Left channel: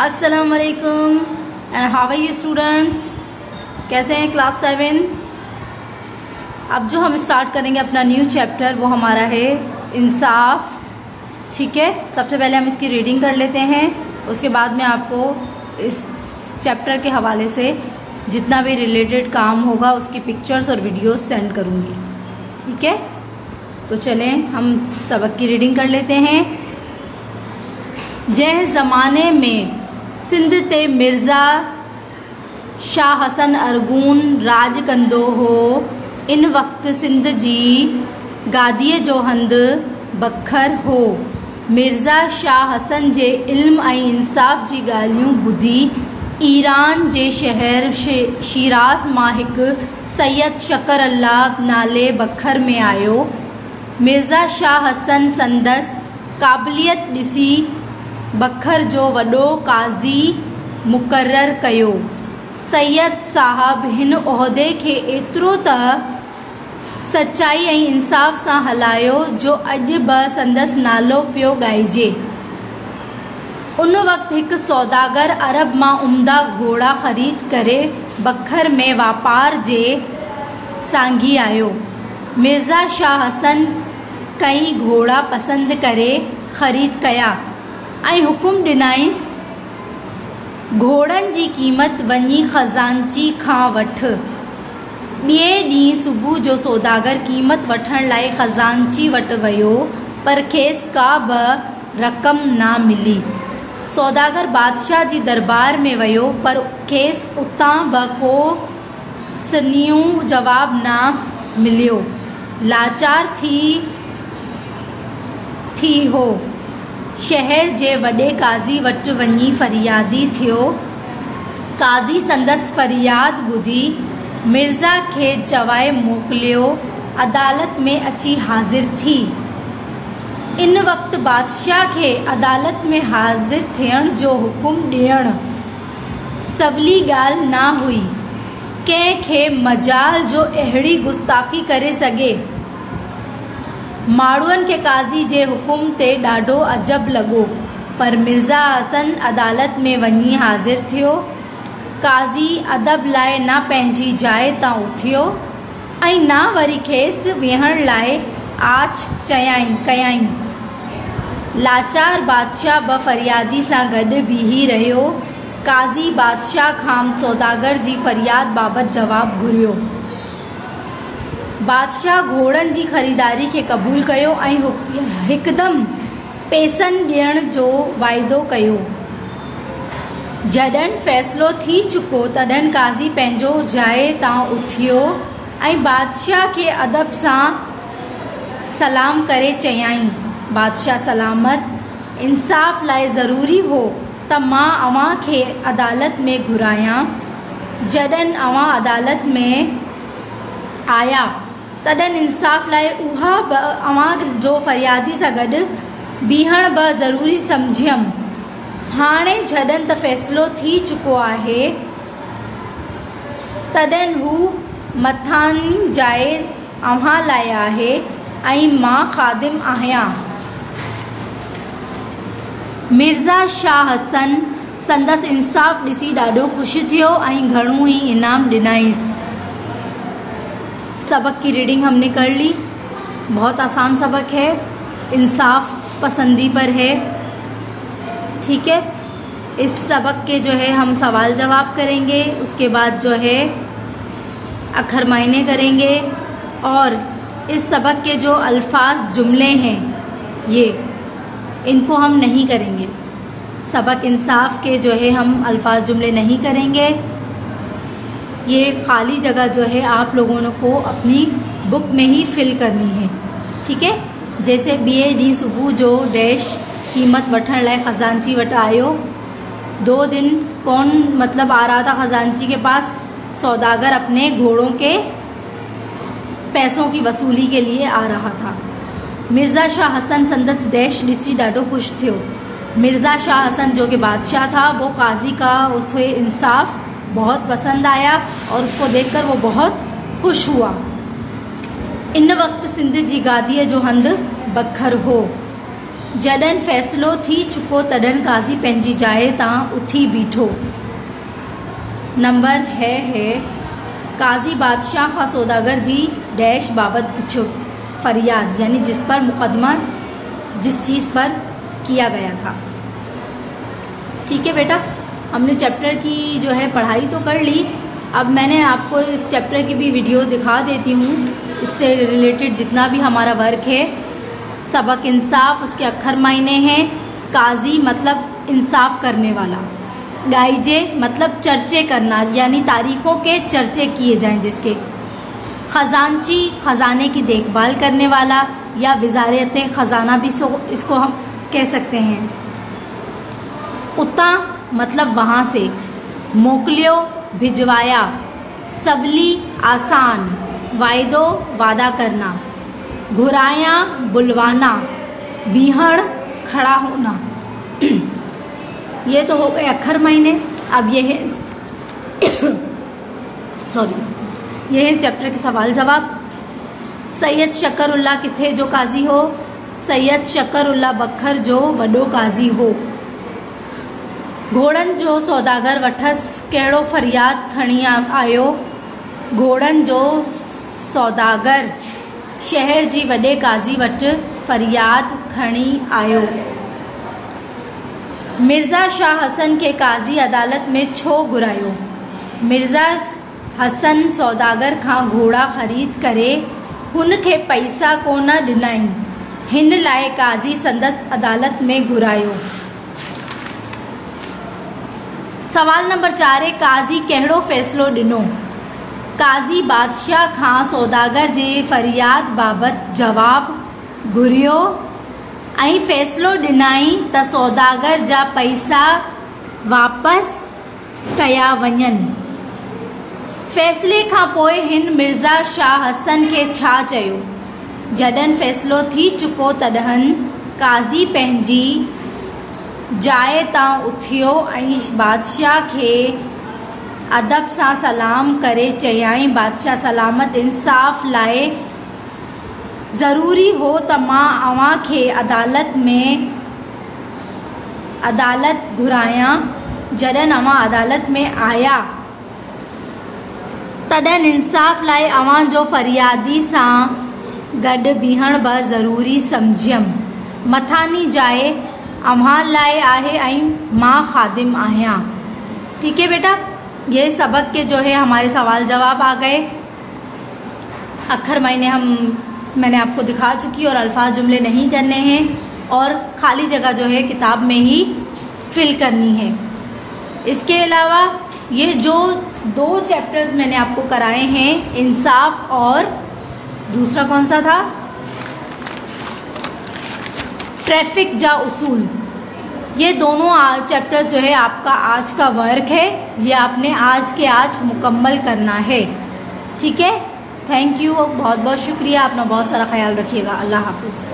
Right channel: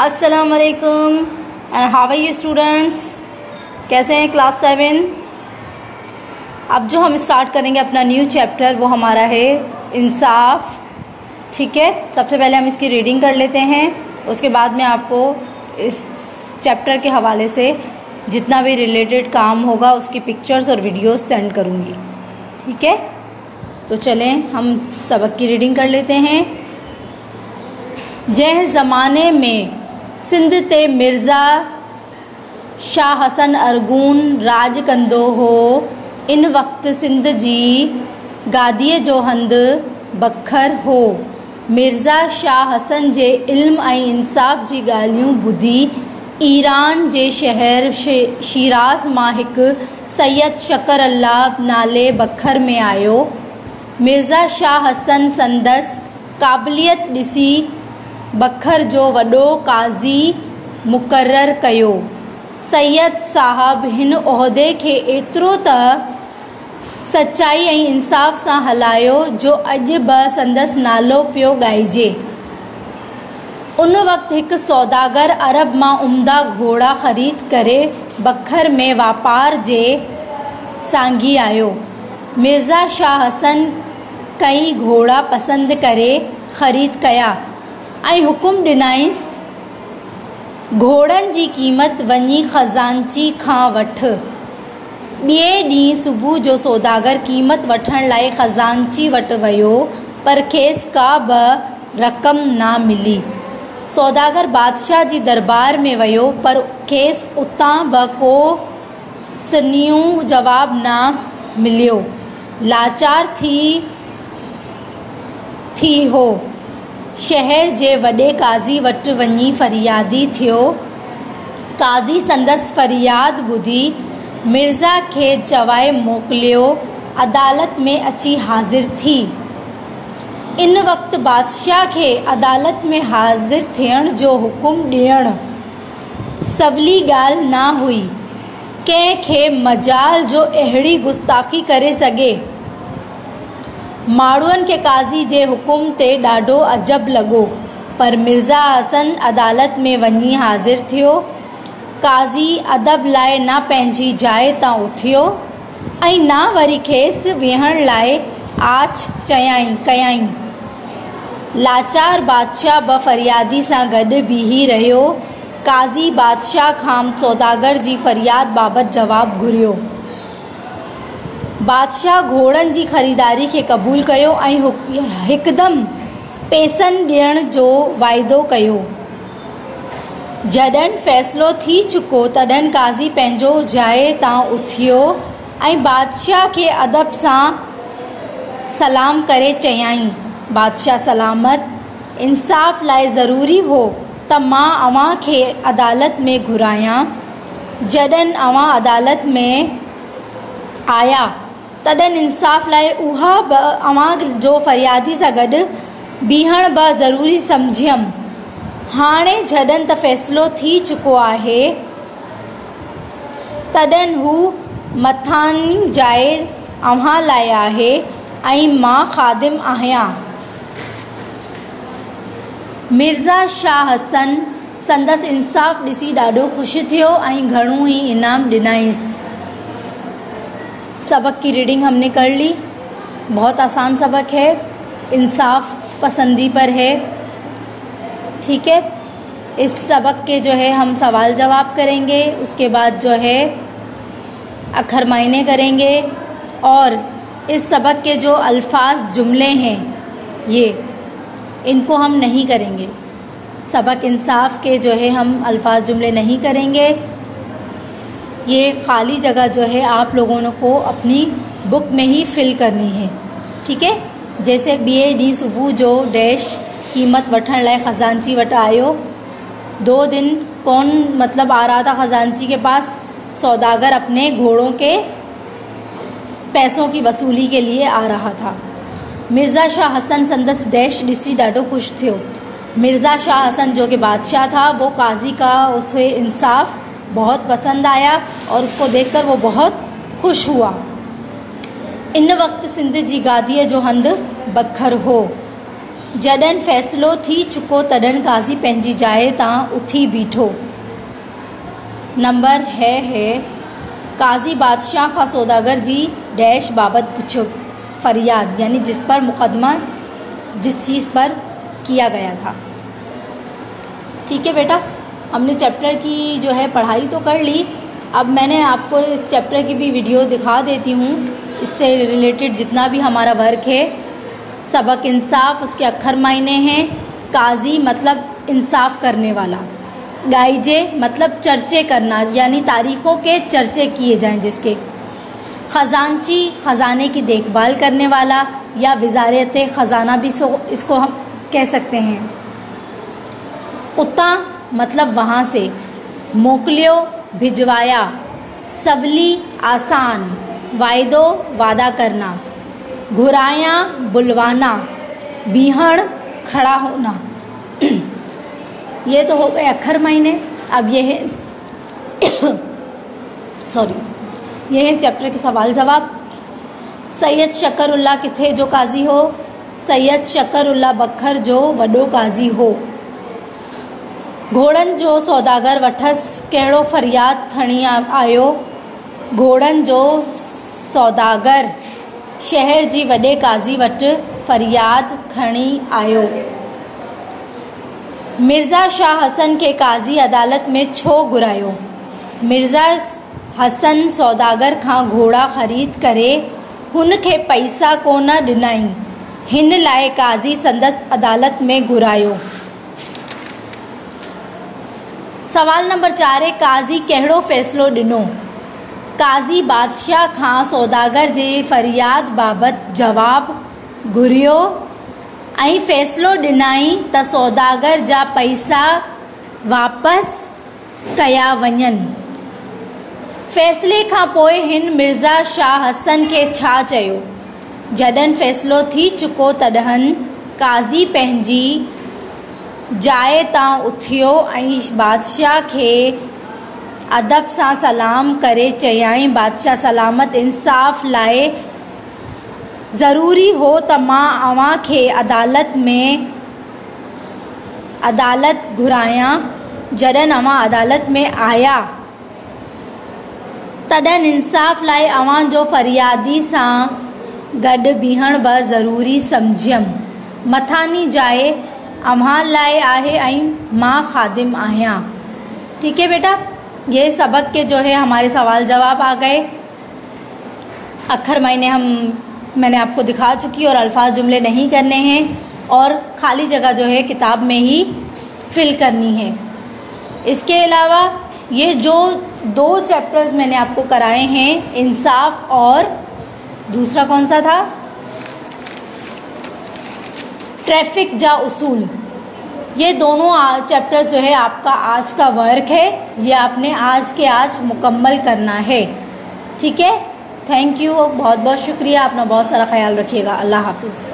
अस्सलाम वालेकुम and how are you students. कैसे हैं क्लास 7। अब जो हम स्टार्ट करेंगे अपना न्यू चैप्टर वो हमारा है इंसाफ। ठीक है, सबसे पहले हम इसकी रीडिंग कर लेते हैं, उसके बाद में आपको इस चैप्टर के हवाले से जितना भी रिलेटेड काम होगा उसकी पिक्चर्स और वीडियोस सेंड करूँगी। ठीक है, तो चलें हम सबक की रीडिंग कर लेते हैं। जंहिं ज़माने में सिंध ते मिर्ज़ा शाह हसन अरगून राज कंदो हो, इन वक़्त सिंध जी गादीअ जो हंधि बखर हो। मिर्ज़ा शाह हसन जे इल्म ऐं इंसाफ़ जी ॻाल्हियूं ॿुधी ईरान जे शहर शिराज़ मां हिकु सैयद शकर अल्लाह नाले बखर में आयो। मिर्ज़ा शाह हसन संदसि क़ाबिलियत ॾिसी बखर जो वॾो काज़ी मुक़ररु कयो। सैयद साहब हिन उहिदे खे एतिरो त सचाई ऐं इंसाफ़ सां हलायो जो अॼु बि संदसि नालो पियो ॻाइजे। उन वक़्तु हिकु सौदागर अरब मां उम्दा घोड़ा ख़रीद करे बखर में वापार जे सांघी आयो। मिर्ज़ा शाह हसन कई घोड़ा पसंदि करे ख़रीद कया ऐं हुकुम ॾिनाईंसि घोड़नि जी क़ीमत वञी ख़ज़ानची खां वठ। ॿिए ॾींहुं सुबुह जो सौदागर क़ीमत वठण लाइ ख़ज़ानची वटि वियो, पर खेसि का बि रक़म न मिली। सौदागर बादशाह जी दरबार में वियो, पर खेसि उतां बि को सन्हियूं जवाब न मिलियो। लाचार थी हो शहर जे वॾे काज़ी वटि वञी फरियादी थियो। काज़ी संदसि फरियाद ॿुधी मिर्ज़ा खे चवाए मोकिलियो, अदालत में अची हाज़िर थी। इन वक़्तु बादशाह खे अदालत में हाज़िर थियण जो हुकुम ॾियणु सवली ॻाल्हि न हुई। कंहिंखे मजाल जो अहिड़ी गुस्ताखी करे सघे। माण्हुनि खे काज़ी जे हुकुम ते ॾाढो अजब लॻो, पर मिर्ज़ा हसन अदालत में वञी हाज़िर थियो। काज़ी अदब लाइ न पंहिंजी जाइ तां उथियो ऐं न वरी खेसि वेहण लाइ आछ कयाईं। लाचार बादशाह बि फरियादी सां गॾु बीही रहियो। काज़ी बादशाह खां सौदागर जी फरियाद बाबति जवाबु घुरियो। बादशाह घोड़नि जी ख़रीदारी खे क़बूल कयो ऐं हिकदमि पैसनि ॾियण जो वाइदो कयो। जॾहिं फ़ैसिलो थी चुको तॾहिं काज़ी पंहिंजो जाइ तां उथियो ऐं बादशाह खे अदब सां सलाम करे चयाईं, बादशाह सलामत। इंसाफ़ लाइ ज़रूरी हो त मां अव्हां खे अदालत में घुरायां। जॾहिं अव्हां अदालत में आया तॾहिं इंसाफ़ लाइ उहा बि अव्हां जो फरियादी सां गॾु बीहण बि ज़रूरी सम्झियमि। हाणे जॾहिं त फ़ैसिलो थी चुको आहे तॾहिं हू मथानी जाइ अव्हां लाइ आहे ऐं मां ख़ादिम आहियां। मिर्ज़ा शाह हसन संदसि इंसाफ़ ॾिसी ॾाढो ख़ुशि थियो ऐं घणो ई इनाम ॾिनाईंसि। सबक की रीडिंग हमने कर ली। बहुत आसान सबक है, इंसाफ पसंदी पर है। ठीक है, इस सबक के जो है हम सवाल जवाब करेंगे, उसके बाद जो है अखर मायने करेंगे और इस सबक के जो अल्फाज जुमले हैं ये इनको हम नहीं करेंगे। सबक इंसाफ के जो है हम अल्फाज जुमले नहीं करेंगे। ये खाली जगह जो है आप लोगों को अपनी बुक में ही फिल करनी है। ठीक है, जैसे ॿिए सुबह जो डैश कीमत वठण लाइ ख़जानची वटि आयो। 2 दिन कौन मतलब आ रहा था ख़जानची के पास? सौदागर अपने घोड़ों के पैसों की वसूली के लिए आ रहा था। मिर्ज़ा शाह हसन संदसि डैश ॾिसी ॾाढो ख़ुशि थियो। मिर्ज़ा शाह हसन जो कि बादशाह था, वो काजी का उसे इंसाफ बहुत पसंद आया और उसको देखकर वो बहुत खुश हुआ। इन वक्त सिंध जी गादीअ जो हंधि बखर हो। जॾहिं फ़ैसिलो थी चुको तॾहिं काज़ी पंहिंजी जाइ तां उथी बीठो। नंबर है काज़ी बादशाह खां सौदागर जी डैश बाबत पूछो, फरियाद यानी जिस पर मुकदमा जिस चीज़ पर किया गया था। ठीक है बेटा, हमने चैप्टर की जो है पढ़ाई तो कर ली। अब मैंने आपको इस चैप्टर की भी वीडियो दिखा देती हूँ, इससे रिलेटेड जितना भी हमारा वर्क है। सबक इंसाफ, उसके अक्षर मायने हैं। काजी मतलब इंसाफ करने वाला। गाइजे मतलब चर्चे करना, यानी तारीफों के चर्चे किए जाएं जिसके। खजानची खजाने की देखभाल करने वाला, या वजारत खजाना भी इसको हम कह सकते हैं। उता मतलब वहाँ से। मोकलियो भिजवाया। सबली आसान, वायदो वादा करना। घुराया बुलवाना। बीहड़ खड़ा होना। ये तो हो गए अक्षर महीने। अब ये है ये है चैप्टर के सवाल जवाब। सैयद शकरुल्ला किथे जो काजी हो? सैयद शकरुल्ला बखर जो वॾो काजी हो। घोड़नि जो सौदागर वठस कहिड़ो फरियाद खणी आयो? घोड़नि जो सौदागर शहर जी वॾे काज़ी वटि फरियाद खणी आयो। मिर्ज़ा शाह हसन खे काज़ी अदालत में छो घुरायो? मिर्ज़ा हसन सौदागर खां घोड़ा ख़रीद करे हुन खे पैसा कोन ॾिनई, हिन लाइ काज़ी संदसि अदालत में घुरायो। सवाल नंबर 4 है काज़ी कहिड़ो फ़ैसिलो ॾिनो? काज़ी बादशाह खां सौदागर जी फरियाद बाबति जवाब घुरियो ऐं फ़ैसिलो ॾिनई त सौदागर जा पैसा वापसि कया वञनि। फ़ैसिले खां पोइ हिन मिर्ज़ा शाह हसन खे छा चयो? जॾहिं फ़ैसिलो थी चुको तॾहिं काज़ी पंहिंजी जाइ तां उथियो ऐं बादशाह खे अदब सां सलाम करे चयाईं, बादशाह सलामत इंसाफ़ लाइ ज़रूरी हो त मां अव्हां खे अदालत घुरायां। जॾहिं अव्हां अदालत में आया तॾहिं इंसाफ़ लाइ अव्हां जो फरियादी सां गॾु बीहण बि ज़रूरी सम्झियमि। मथानी जाइ अव्हां लाइ आहे ऐं मां खादिम आहियां। ठीक है बेटा, ये सबक के जो है हमारे सवाल जवाब आ गए। अक्षर मैंने आपको दिखा चुकी और अल्फाज जुमले नहीं करने हैं और खाली जगह जो है किताब में ही फिल करनी है। इसके अलावा ये जो 2 चैप्टर्स मैंने आपको कराए हैं, इंसाफ और दूसरा कौन सा था? ट्रैफिक जा उसूल। ये दोनों चैप्टर्स जो है आपका आज का वर्क है, ये आपने आज के आज मुकम्मल करना है। ठीक है, थैंक यू, बहुत बहुत शुक्रिया। अपना बहुत सारा ख्याल रखिएगा। अल्लाह हाफिज।